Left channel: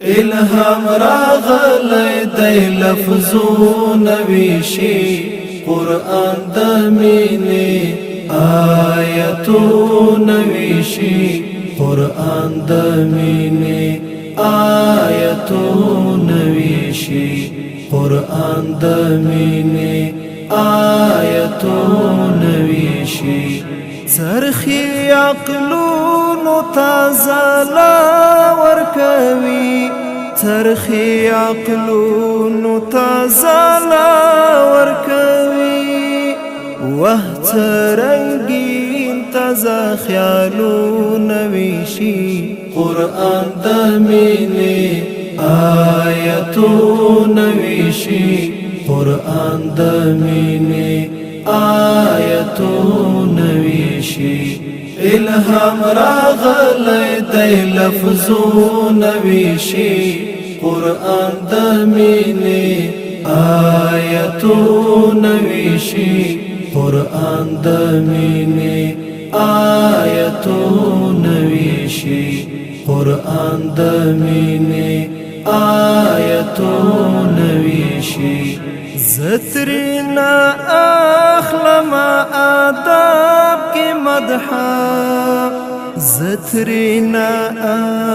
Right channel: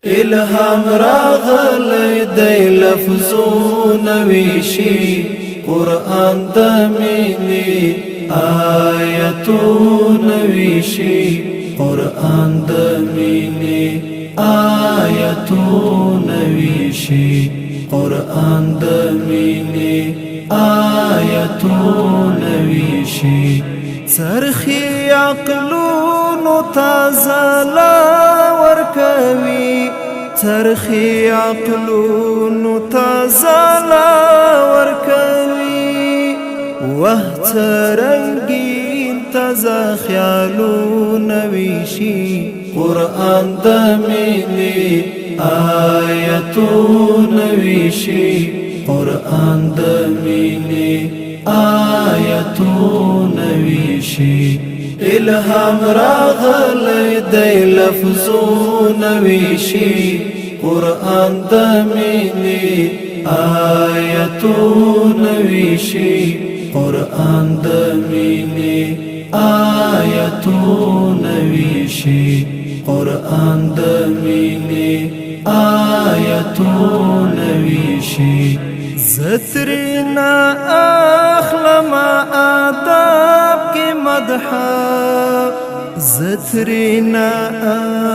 الهام راغلی دی لفظونه ویشي قرآن د مینې آیتونه ویشي قرآن د مینې آیتونه ویشي قرآن د مینې آیتونه ویشي څرخي عقلونو تازه لا ورکوي څرخي عقلونو تازه لا ورکوي وه څرنګین تازه خیالونه ویشي قرآن د مینې آیتونه ویشي قرآن د مینې آیتونه ویشي الهام راغلی دی لفظونه ویشي قرآن د مینې آیتونه ویشي قرآن د مینې آیتونه ویشي قرآن د مینې آیتونه ویشي زترنا اخلم آداب کی مدحا زترنا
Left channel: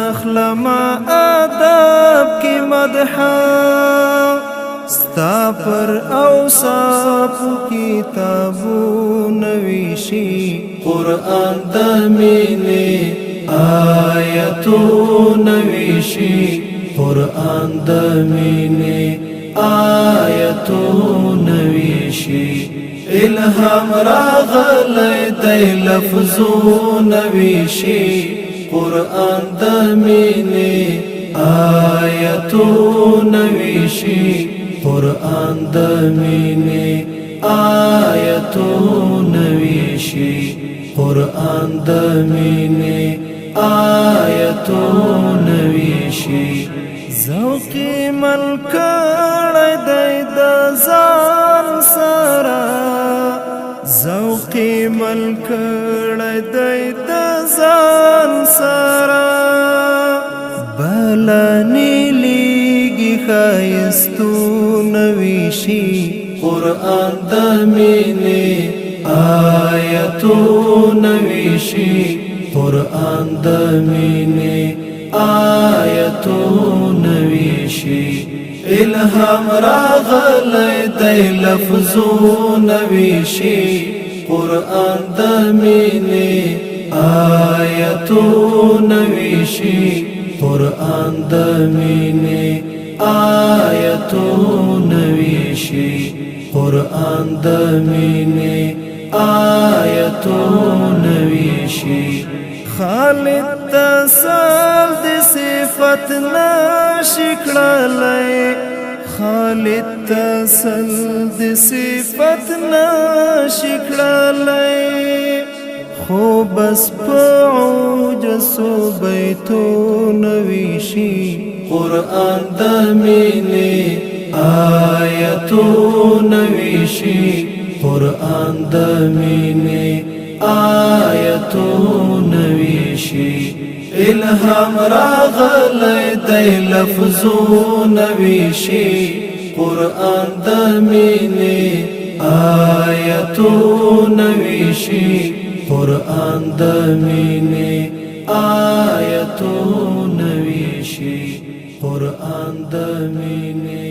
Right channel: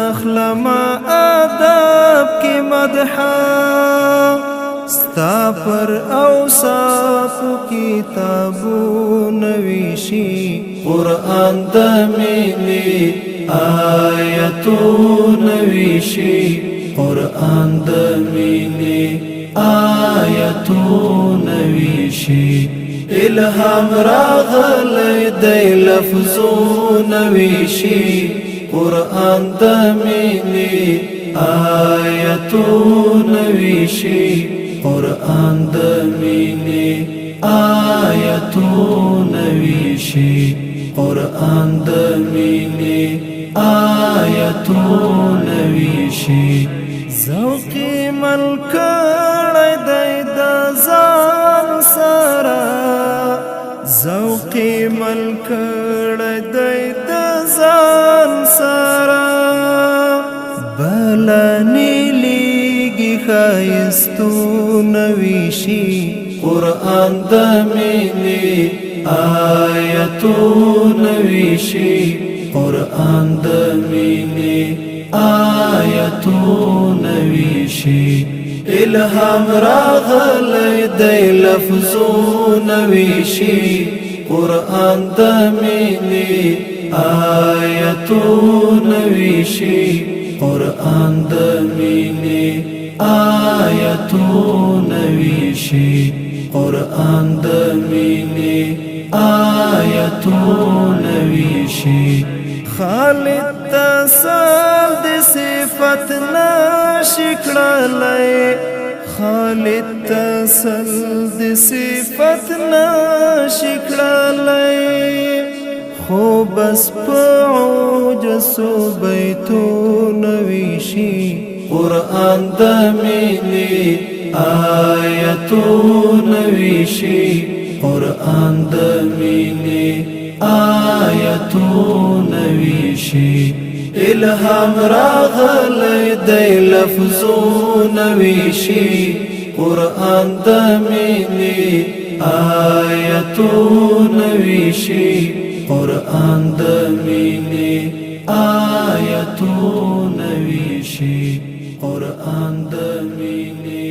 اخلم آداب کی مدحا ستا پر اوصاف کتابون ویشی قرآن د مینې آیتون ویشی قرآن د مینې آیتونه ویشي الهام راغلی دی لفظونه ویشي قرآن د مینې آیتونه ویشي قرآن د مینې آیتونه ویشي قرآن د مینې آیتونه ویشي ذوقی ملکړی دی د ځان سره ذوقی ملکړی دی د ځان سره بلانی لیږي ښایستونه ویشي قرآن د مینې آیتونه ویشي قرآن د مینې آیتونه ویشي الهام راغلی دی لفظونه ویشي قرآن د مینې آیتونه ویشي قرآن د مینې آیتونه ویشي قرآن د مینې آیتونه ویشي خالد تسل د صفت نشکړلای خالد تسل د صفت نشکړلای خو بس په عجزو بیتونه ویشي قرآن د مینې آیتونه ویشي قرآن د مینې آیتونه ویشي الهام راغلی دی لفظونه ویشي قرآن د مینې آیتونه ویشي قرآن د مینې آیتونه ویشي قرآن د مینې